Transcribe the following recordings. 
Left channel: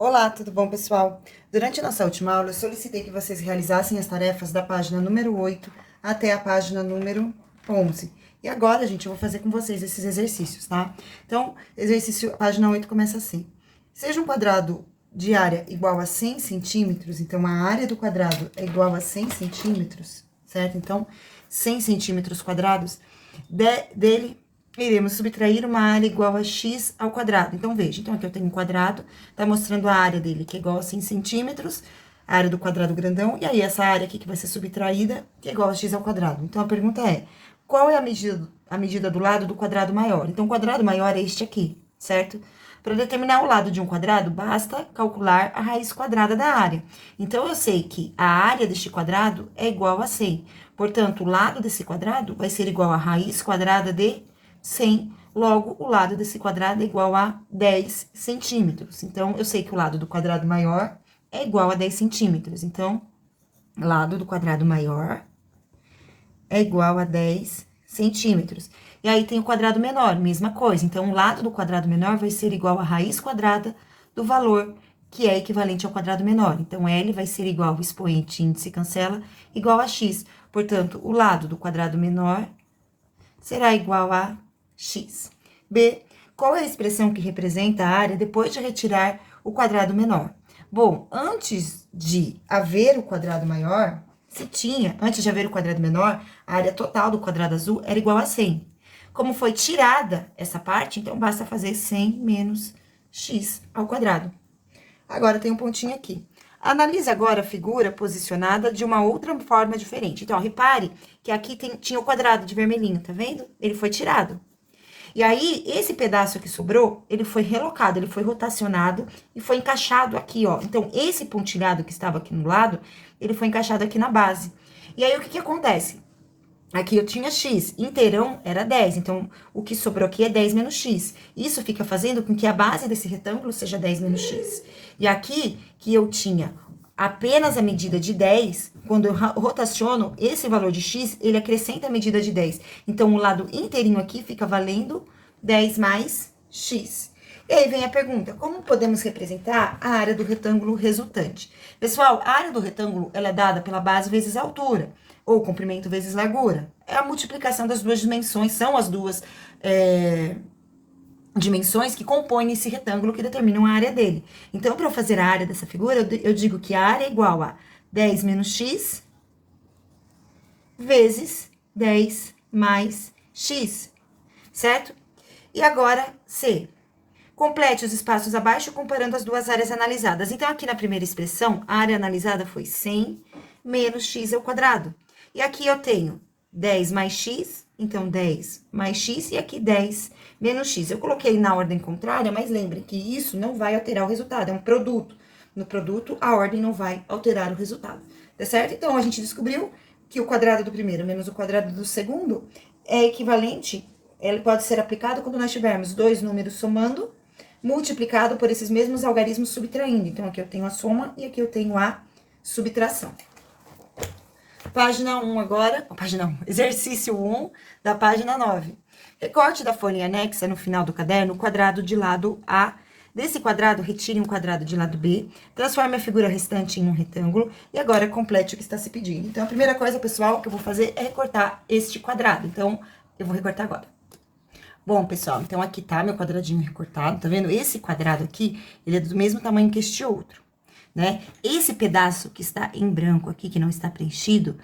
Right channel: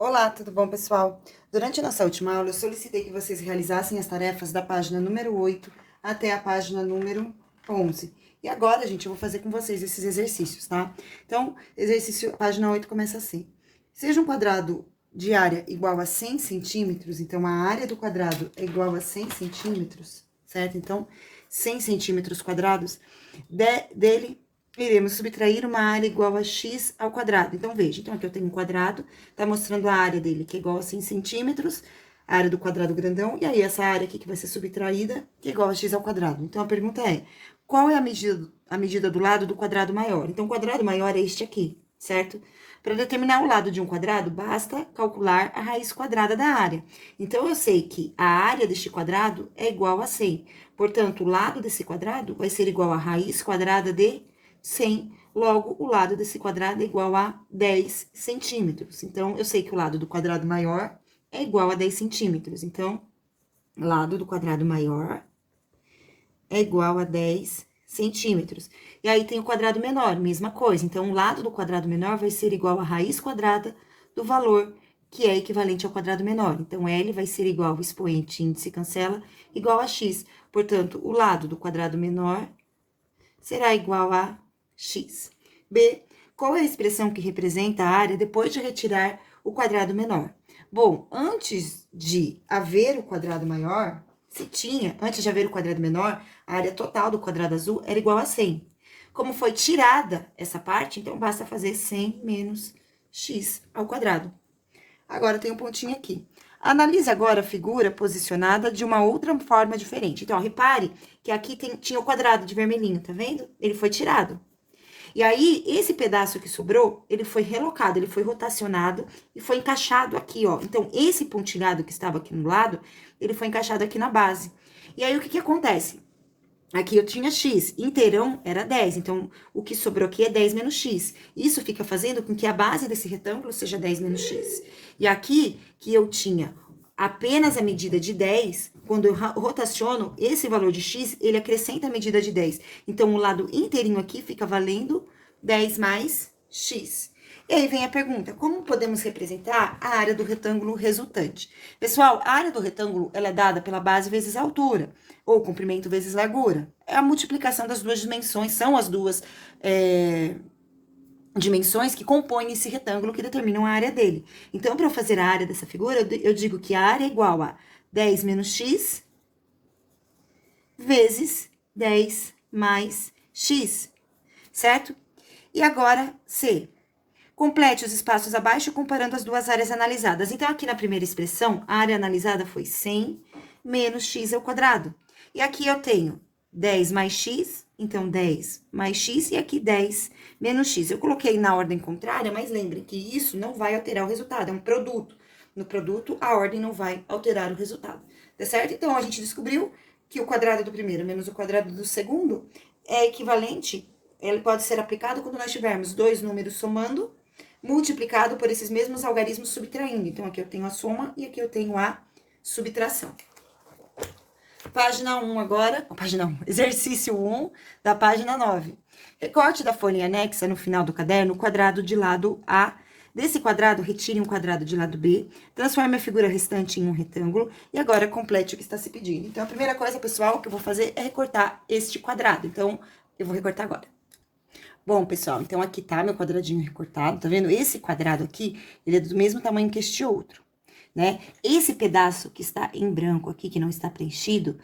Olá, tudo bom, pessoal? Durante a nossa última aula, eu solicitei que vocês realizassem as tarefas da página número 8 até a página número 11. E agora, gente, eu vou fazer com vocês esses exercícios, tá? Então, exercício, página 8 começa assim. Seja um quadrado de área igual a 100 centímetros, então a área do quadrado é igual a 100 centímetros, certo? Então, 100 centímetros quadrados dele iremos subtrair uma área igual a x ao quadrado. Então, veja, então aqui eu tenho um quadrado, tá mostrando a área dele, que é igual a 100 centímetros, a área do quadrado grandão, e aí essa área aqui que vai ser subtraída, que é igual a x ao quadrado. Então, a pergunta é, qual é a medida do lado do quadrado maior? Então, o quadrado maior é este aqui, certo? Para determinar o lado de um quadrado, basta calcular a raiz quadrada da área. Então, eu sei que a área deste quadrado é igual a 100. Portanto, o lado desse quadrado vai ser igual a raiz quadrada de 100, logo, o lado desse quadrado é igual a 10 centímetros. Então, eu sei que o lado do quadrado maior é igual a 10 centímetros. Então, lado do quadrado maior é igual a 10 centímetros. E aí, tem o quadrado menor, mesma coisa. Então, o lado do quadrado menor vai ser igual a raiz quadrada do valor que é equivalente ao quadrado menor. Então, L vai ser igual ao expoente índice cancela, igual a x. Portanto, o lado do quadrado menor será igual a x. B, qual é a expressão que representa a área depois de retirar o quadrado menor? Bom, antes de haver o quadrado maior, antes de haver o quadrado menor, a área total do quadrado azul era igual a 100. Como foi tirada essa parte, então basta fazer 100 menos x ao quadrado. Agora tem um pontinho aqui. Analise agora a figura posicionada de uma outra forma diferente. Então, ó, repare que aqui tinha o quadrado de vermelhinho, tá vendo? Ele foi tirado. E aí, esse pedaço que sobrou, ele foi relocado, ele foi rotacionado e foi encaixado aqui, ó. Então, esse pontilhado que estava aqui no lado, ele foi encaixado aqui na base. E aí, o que que acontece? Aqui eu tinha x, inteirão era 10, então o que sobrou aqui é 10 menos x. Isso fica fazendo com que a base desse retângulo seja 10 menos x. E aqui, que eu tinha apenas a medida de 10, quando eu rotaciono esse valor de x, ele acrescenta a medida de 10. Então, o lado inteirinho aqui fica valendo 10 mais x. E aí vem a pergunta, como podemos representar a área do retângulo resultante? Pessoal, a área do retângulo, ela é dada pela base vezes a altura, ou comprimento vezes largura. É a multiplicação das duas dimensões, são as duas dimensões que compõem esse retângulo que determinam a área dele. Então, para eu fazer a área dessa figura, eu digo que a área é igual a 10 menos x vezes 10 mais x, certo? E agora, C. Complete os espaços abaixo comparando as duas áreas analisadas. Então, aqui na primeira expressão, a área analisada foi 100 menos x ao quadrado. E aqui eu tenho 10 mais x, então 10 mais x, e aqui 10 menos x. Eu coloquei na ordem contrária, mas lembrem que isso não vai alterar o resultado, é um produto. No produto, a ordem não vai alterar o resultado, tá certo? Então, a gente descobriu que o quadrado do primeiro menos o quadrado do segundo é equivalente, ele pode ser aplicado quando nós tivermos dois números somando, multiplicado por esses mesmos algarismos subtraindo. Então, aqui eu tenho a soma e aqui eu tenho a subtração. Página 1 agora, página 1, exercício 1 da página 9. Recorte da folha anexa no final do caderno o quadrado de lado A. Desse quadrado, retire um quadrado de lado B, transforme a figura restante em um retângulo e agora complete o que está se pedindo. Então, a primeira coisa, pessoal, que eu vou fazer é recortar este quadrado. Então, eu vou recortar agora. Bom, pessoal, então aqui tá meu quadradinho recortado, tá vendo? Esse quadrado aqui, ele é do mesmo tamanho que este outro, né? Esse pedaço que está em branco aqui, que não está preenchido,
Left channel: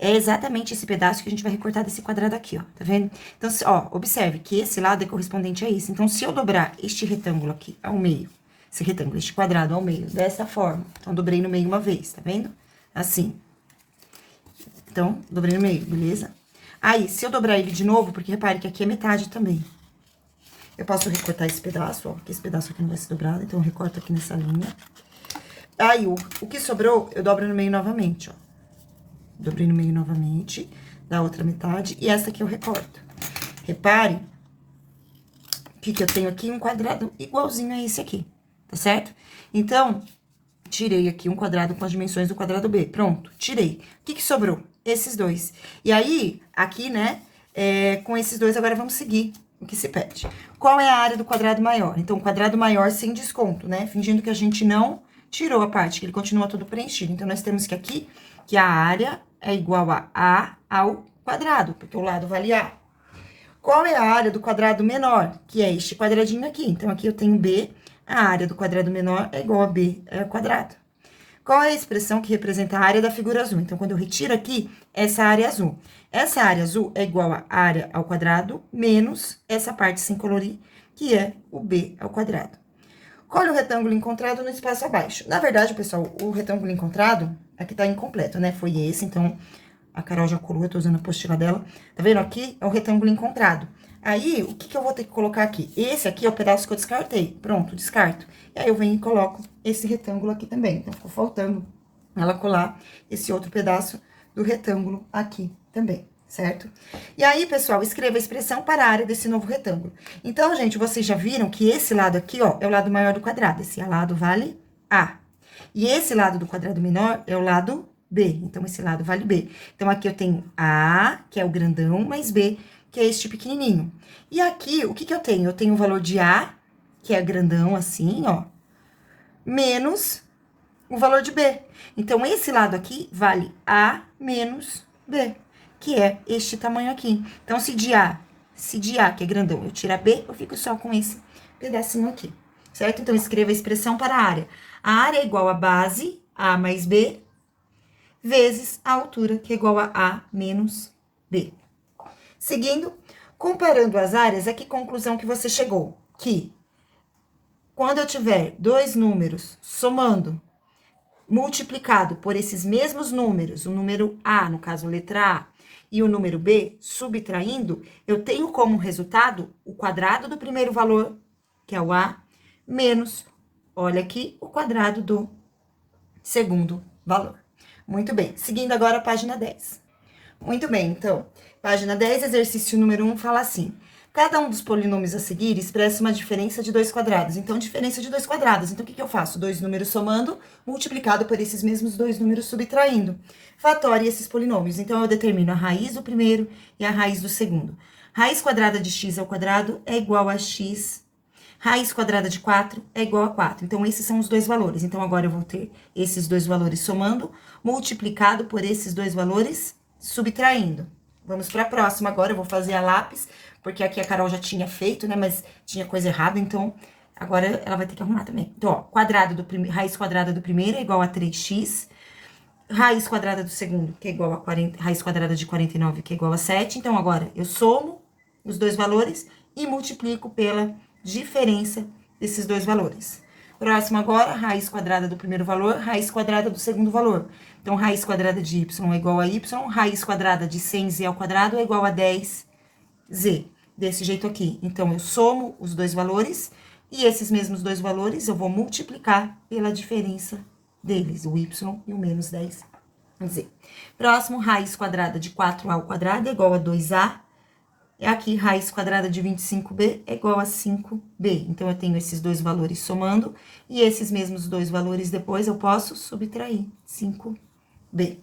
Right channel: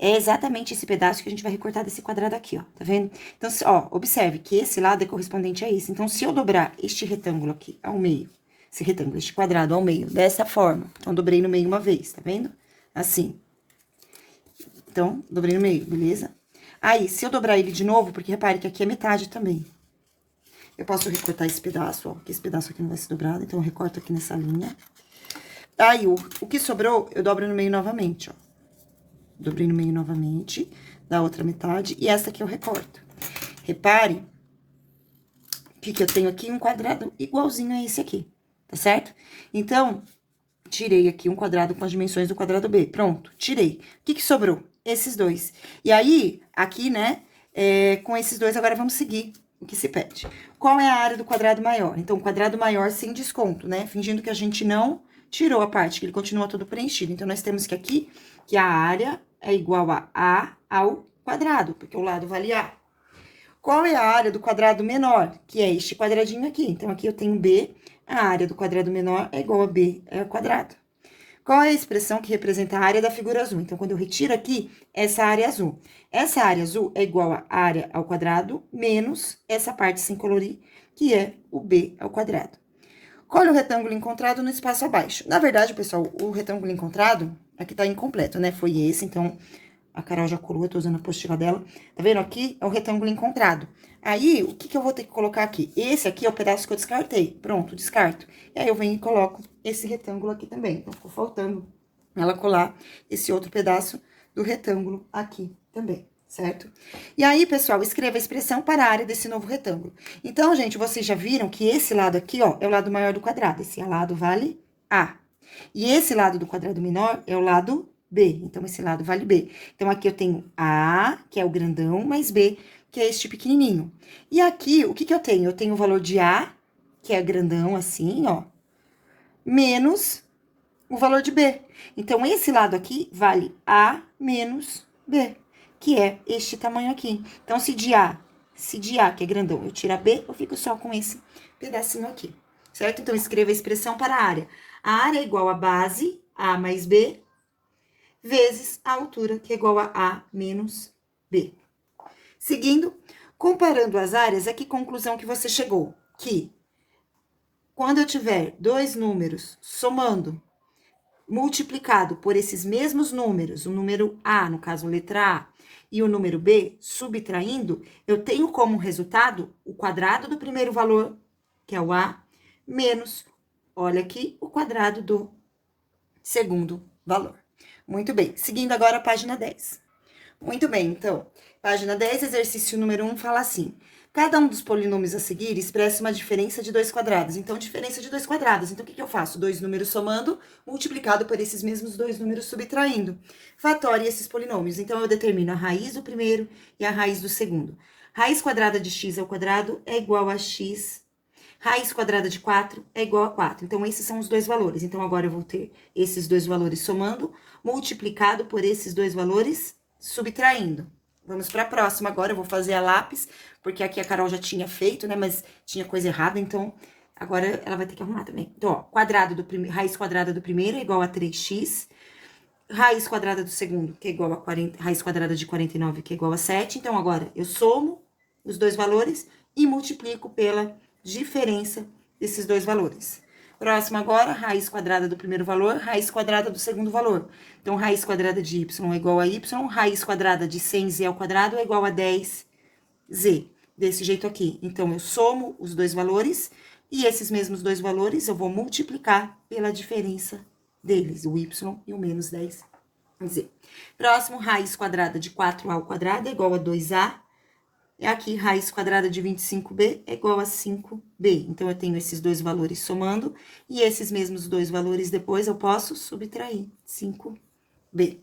é exatamente esse pedaço que a gente vai recortar desse quadrado aqui, ó, tá vendo? Então, ó, observe que esse lado é correspondente a esse. Então, se eu dobrar este retângulo aqui ao meio, esse retângulo, este quadrado ao meio, dessa forma, então, dobrei no meio uma vez, tá vendo? Assim. Então, dobrei no meio, beleza? Aí, se eu dobrar ele de novo, porque repare que aqui é metade também. Eu posso recortar esse pedaço, ó, porque esse pedaço aqui não vai ser dobrado, então eu recorto aqui nessa linha. Aí, o que sobrou, eu dobro no meio novamente, ó. Dobrei no meio novamente, da outra metade, e essa aqui eu recorto. Repare que eu tenho aqui um quadrado igualzinho a esse aqui, tá certo? Então, tirei aqui um quadrado com as dimensões do quadrado B. Pronto, tirei. O que que sobrou? Esses dois. E aí, aqui, né, com esses dois, agora vamos seguir. o que se pede. Qual é a área do quadrado maior? Então, o quadrado maior sem desconto, né? Fingindo que a gente não tirou a parte, que ele continua todo preenchido. Então, nós temos que aqui, que a área é igual a A ao quadrado, porque o lado vale A. Qual é a área do quadrado menor? Que é este quadradinho aqui. Então, aqui eu tenho B, a área do quadrado menor é igual a B ao quadrado. Qual é a expressão que representa a área da figura azul? Então, quando eu retiro aqui, essa área azul. Essa área azul é igual a área ao quadrado menos essa parte sem colorir, que é o B ao quadrado. Colhe o retângulo encontrado no espaço abaixo. Na verdade, pessoal, o retângulo encontrado aqui tá incompleto, né? Foi esse, então a Carol já colou, eu tô usando a apostila dela. Tá vendo? Aqui é o retângulo encontrado. Aí, o que que eu vou ter que colocar aqui? Esse aqui é o pedaço que eu descartei. Pronto, descarto. E aí, eu venho e coloco esse retângulo aqui também. Então, ficou faltando ela colar esse outro pedaço do retângulo aqui também, certo? E aí, pessoal, escreva a expressão para a área desse novo retângulo. Então, gente, vocês já viram que esse lado aqui, ó, é o lado maior do quadrado. Esse lado vale A. E esse lado do quadrado menor é o lado B. Então, esse lado vale B. Então, aqui eu tenho A, que é o grandão, mais B, que é este pequenininho. E aqui, o que que eu tenho? Eu tenho o valor de A, que é grandão assim, ó, menos o valor de B. Então, esse lado aqui vale A menos B, que é este tamanho aqui. Então, se de A, que é grandão, eu tiro a B, eu fico só com esse pedacinho aqui, certo? Então, escreva a expressão para a área. A área é igual a base, A mais B, vezes a altura, que é igual a A menos B. Seguindo, comparando as áreas, a que conclusão que você chegou? Que quando eu tiver dois números somando, multiplicado por esses mesmos números, o número A, no caso, letra A, e o número B, subtraindo, eu tenho como resultado o quadrado do primeiro valor, que é o A, menos, olha aqui, o quadrado do segundo valor. Muito bem, seguindo agora a página 10. Muito bem, então, página 10, exercício número 1, fala assim: cada um dos polinômios a seguir expressa uma diferença de dois quadrados. Então, diferença de dois quadrados. Então, o que que eu faço? Dois números somando, multiplicado por esses mesmos dois números subtraindo. Fatório esses polinômios. Então, eu determino a raiz do primeiro e a raiz do segundo. Raiz quadrada de x ao quadrado é igual a x. Raiz quadrada de 4 é igual a 4. Então, esses são os dois valores. Então, agora eu vou ter esses dois valores somando, multiplicado por esses dois valores subtraindo. Vamos para a próxima agora, eu vou fazer a lápis, porque aqui a Carol já tinha feito, né, mas tinha coisa errada, então agora ela vai ter que arrumar também. Então, ó, raiz quadrada do primeiro é igual a 3x, raiz quadrada do segundo, que é igual a 40, raiz quadrada de 49, que é igual a 7. Então, agora eu somo os dois valores e multiplico pela diferença desses dois valores. Próximo agora, raiz quadrada do primeiro valor, raiz quadrada do segundo valor. Então, raiz quadrada de y é igual a y, raiz quadrada de 100z ao quadrado é igual a 10z. Desse jeito aqui. Então, eu somo os dois valores e esses mesmos dois valores eu vou multiplicar pela diferença deles, o y e o menos 10z. Próximo, raiz quadrada de 4a ao quadrado é igual a 2a. E aqui, raiz quadrada de 25b é igual a 5b. Então, eu tenho esses dois valores somando, e esses mesmos dois valores depois eu posso subtrair, 5b.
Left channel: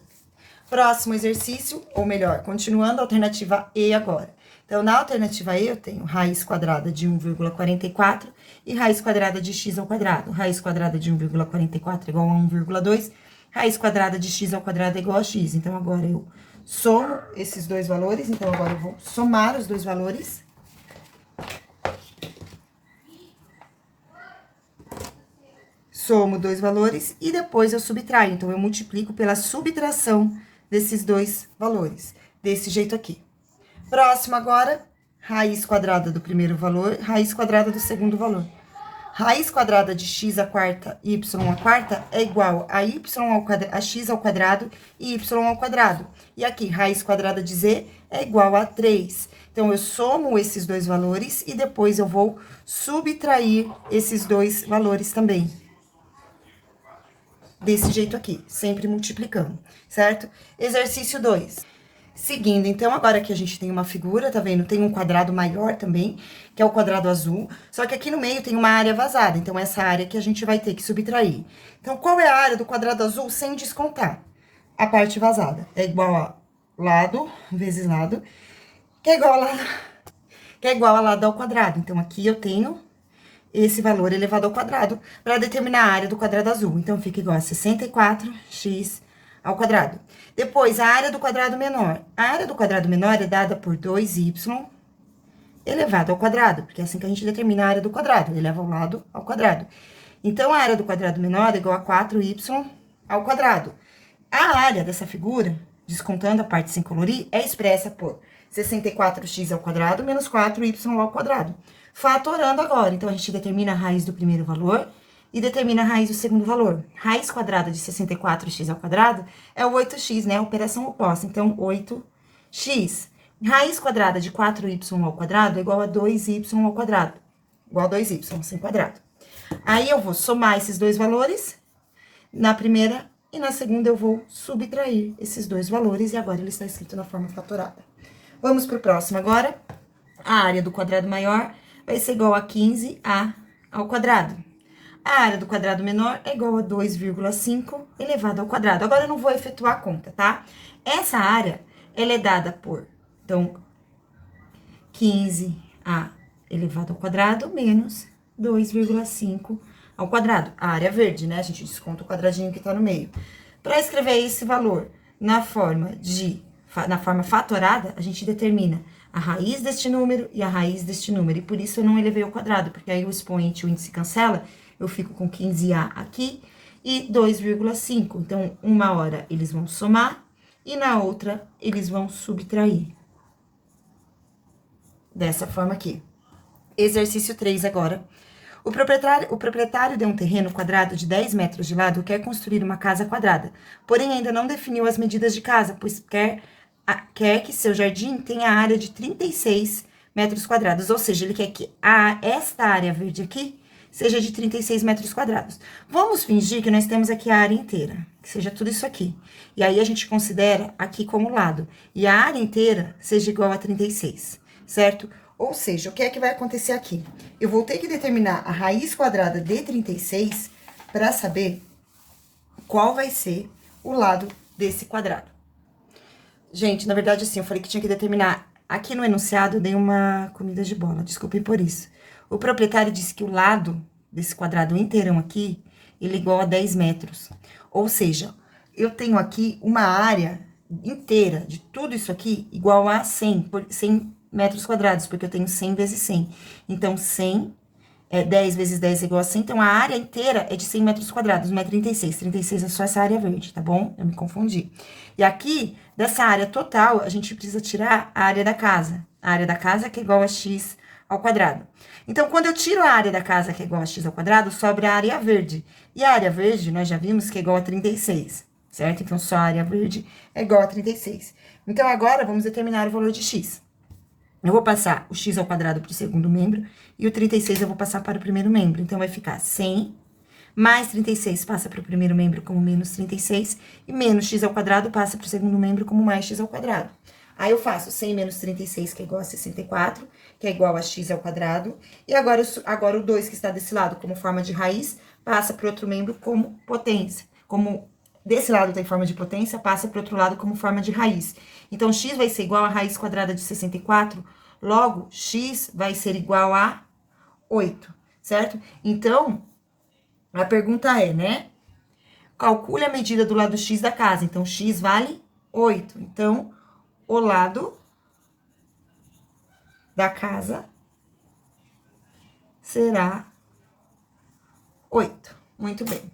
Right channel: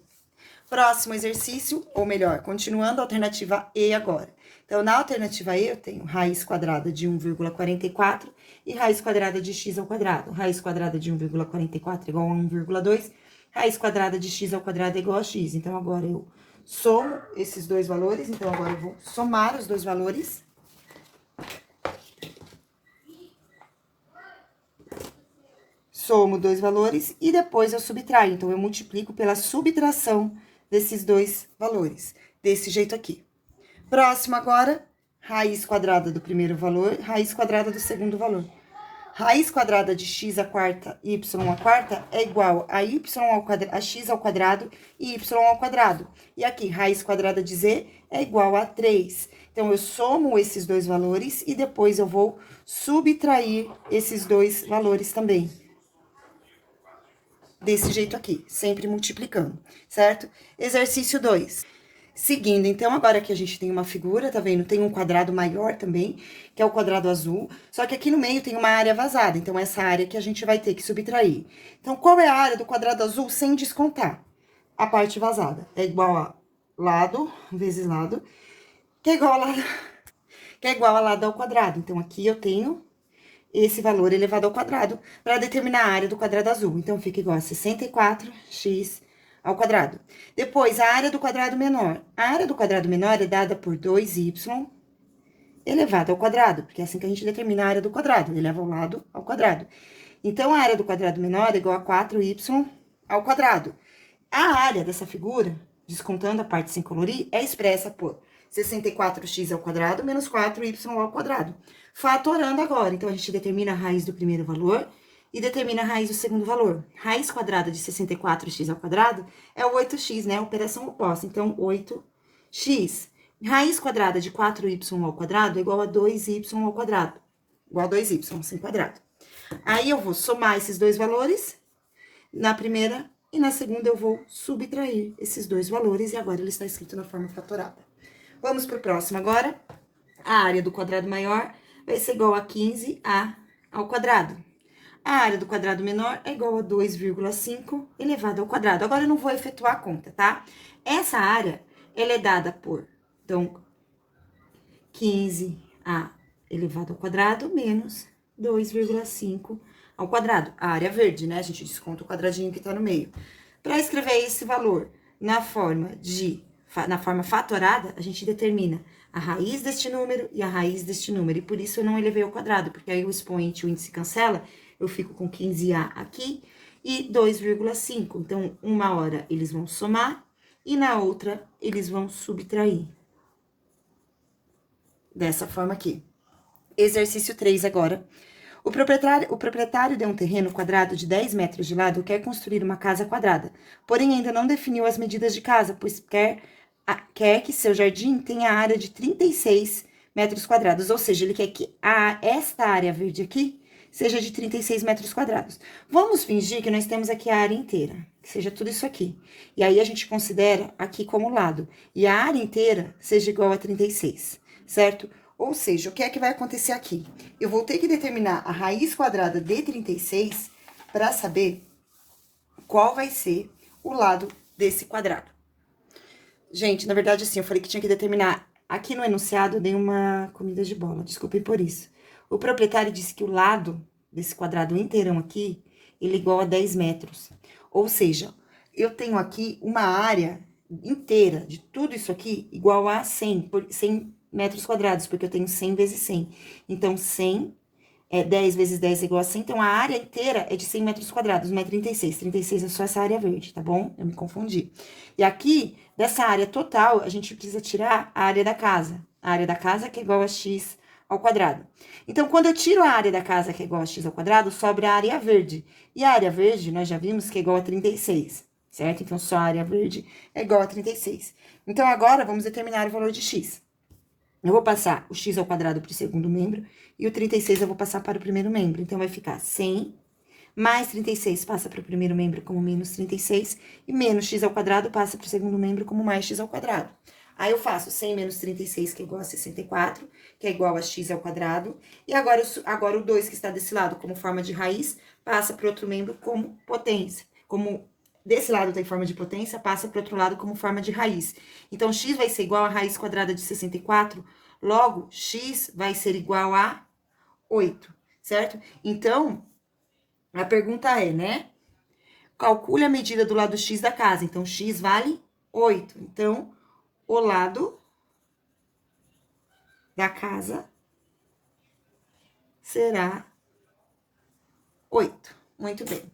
Próximo exercício, ou melhor, continuando a alternativa E agora. Então, na alternativa E, eu tenho raiz quadrada de 1,44 e raiz quadrada de x ao quadrado. Raiz quadrada de 1,44 é igual a 1,2, raiz quadrada de x ao quadrado é igual a x. Então, agora eu somo esses dois valores, então agora eu vou somar os dois valores. Somo dois valores e depois eu subtraio. Então, eu multiplico pela subtração desses dois valores, desse jeito aqui. Próximo agora, raiz quadrada do primeiro valor, raiz quadrada do segundo valor. Raiz quadrada de x à quarta e y à quarta é igual a x ao quadrado e y ao quadrado. E aqui, raiz quadrada de z é igual a 3. Então, eu somo esses dois valores e depois eu vou subtrair esses dois valores também. Desse jeito aqui, sempre multiplicando, certo? Exercício 2. Seguindo, então, agora que a gente tem uma figura, tá vendo? Tem um quadrado maior também, que é o quadrado azul, só que aqui no meio tem uma área vazada, então, essa área que a gente vai ter que subtrair. Então, qual é a área do quadrado azul sem descontar? A parte vazada. É igual a lado vezes lado, que é igual a lado, que é igual a lado ao quadrado. Então, aqui eu tenho esse valor elevado ao quadrado para determinar a área do quadrado azul. Então, fica igual a 64x ao quadrado. Depois, a área do quadrado menor. A área do quadrado menor é dada por 2y elevado ao quadrado, porque é assim que a gente determina a área do quadrado, eleva o lado ao quadrado. Então, a área do quadrado menor é igual a 4y ao quadrado. A área dessa figura, descontando a parte sem colorir, é expressa por 64x ao quadrado menos 4y ao quadrado. Fatorando agora, então, a gente determina a raiz do primeiro valor e determina a raiz do segundo valor. Raiz quadrada de 64x ao quadrado é o 8x, né? Operação oposta. Então, 8x. Raiz quadrada de 4y ao quadrado é igual a 2y ao quadrado. Igual a 2y, sem quadrado. Aí, eu vou somar esses dois valores na primeira e na segunda eu vou subtrair esses dois valores e agora ele está escrito na forma fatorada. Vamos para o próximo agora. A área do quadrado maior vai ser igual a 15a ao quadrado. A área do quadrado menor é igual a 2,5 elevado ao quadrado. Agora, eu não vou efetuar a conta, tá? Essa área, ela é dada por, então, 15a elevado ao quadrado menos 2,5 ao quadrado. A área verde, né? A gente desconta o quadradinho que tá no meio. Para escrever esse valor na forma fatorada, a gente determina a raiz deste número e a raiz deste número. E por isso eu não elevei ao quadrado, porque aí o expoente, o índice cancela, eu fico com 15a aqui e 2,5. Então, uma hora eles vão somar e na outra eles vão subtrair. Dessa forma aqui. Exercício 3 agora. O proprietário de um terreno quadrado de 10 metros de lado quer construir uma casa quadrada, porém ainda não definiu as medidas de casa, pois quer que seu jardim tenha área de 36 metros quadrados, ou seja, ele quer que esta área verde aqui seja de 36 metros quadrados. Vamos fingir que nós temos aqui a área inteira, que seja tudo isso aqui. E aí, a gente considera aqui como lado, e a área inteira seja igual a 36, certo? Ou seja, o que é que vai acontecer aqui? Eu vou ter que determinar a raiz quadrada de 36 para saber qual vai ser o lado desse quadrado. Gente, na verdade, assim, eu falei que tinha que determinar. Aqui no enunciado, eu dei uma comida de bola, desculpem por isso. O proprietário disse que o lado desse quadrado inteirão aqui, ele é igual a 10 metros. Ou seja, eu tenho aqui uma área inteira de tudo isso aqui igual a 100 metros quadrados, porque eu tenho 100 vezes 100. Então, 10 vezes 10 é igual a 100. Então, a área inteira é de 100 metros quadrados, não é 36. 36 é só essa área verde, tá bom? Eu me confundi. E aqui, dessa área total, a gente precisa tirar a área da casa. A área da casa que é igual a x ao quadrado. Então, quando eu tiro a área da casa que é igual a x ao quadrado, sobra a área verde. E a área verde, nós já vimos que é igual a 36, certo? Então, só a área verde é igual a 36. Então, agora, vamos determinar o valor de x. Eu vou passar o x ao quadrado para o segundo membro e o 36 eu vou passar para o primeiro membro. Então, vai ficar 100 mais 36 passa para o primeiro membro como menos 36 e menos x ao quadrado passa para o segundo membro como mais x ao quadrado. Aí, eu faço 100 menos 36, que é igual a 64, que é igual a x ao quadrado. E agora o 2 que está desse lado como forma de raiz passa para o outro membro como potência. Como desse lado tem forma de potência, passa para o outro lado como forma de raiz. Então, x vai ser igual a raiz quadrada de 64, logo, x vai ser igual a 8, certo? Então, a pergunta é, né? Calcule a medida do lado x da casa. Então, x vale 8. Então, o lado da casa será 8. Muito bem.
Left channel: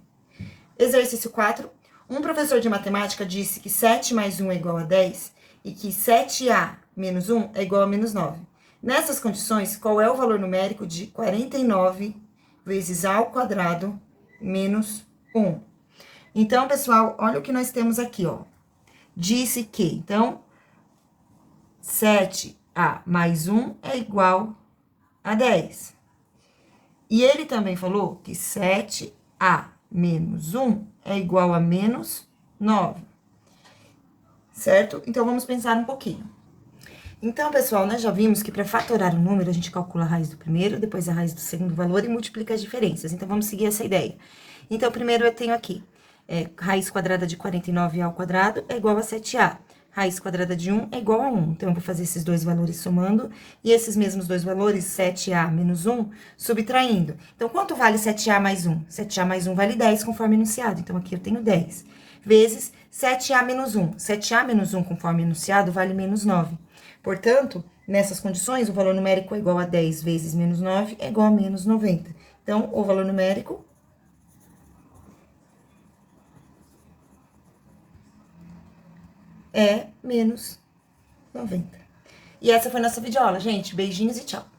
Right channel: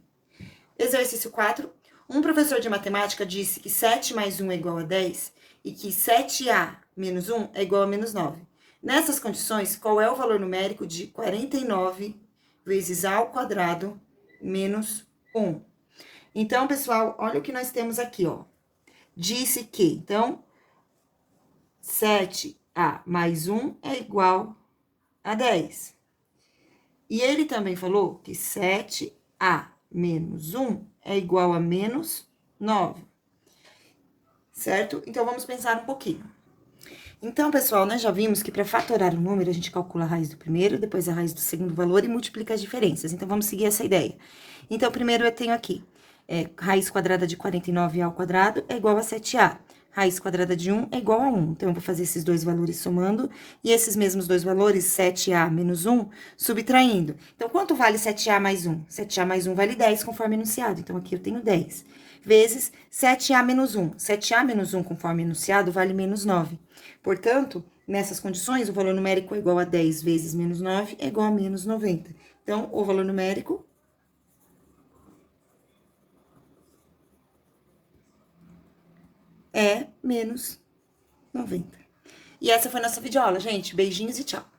Exercício 4. Um professor de matemática disse que 7 mais 1 é igual a 10 e que 7a menos 1 é igual a menos 9. Nessas condições, qual é o valor numérico de 49 vezes a ao quadrado menos 1? Então, pessoal, olha o que nós temos aqui, ó. Disse que, então, 7a mais 1 é igual a 10. E ele também falou que 7a menos 1 é igual a menos 9. Certo? Então, vamos pensar um pouquinho. Então, pessoal, nós já vimos que para fatorar um número, a gente calcula a raiz do primeiro, depois a raiz do segundo valor e multiplica as diferenças. Então, vamos seguir essa ideia. Então, primeiro eu tenho aqui, raiz quadrada de 49 ao quadrado é igual a 7a. raiz quadrada de 1 é igual a 1. Então, eu vou fazer esses dois valores somando, e esses mesmos dois valores, 7a menos 1, subtraindo. Então, quanto vale 7a mais 1? 7a mais 1 vale 10, conforme enunciado. Então, aqui eu tenho 10. Vezes 7a menos 1. 7a menos 1, conforme enunciado, vale menos 9. Portanto, nessas condições, o valor numérico é igual a 10 vezes menos 9 é igual a menos 90. Então, o valor numérico é menos 90. E essa foi a nossa videoaula, gente. Beijinhos e tchau.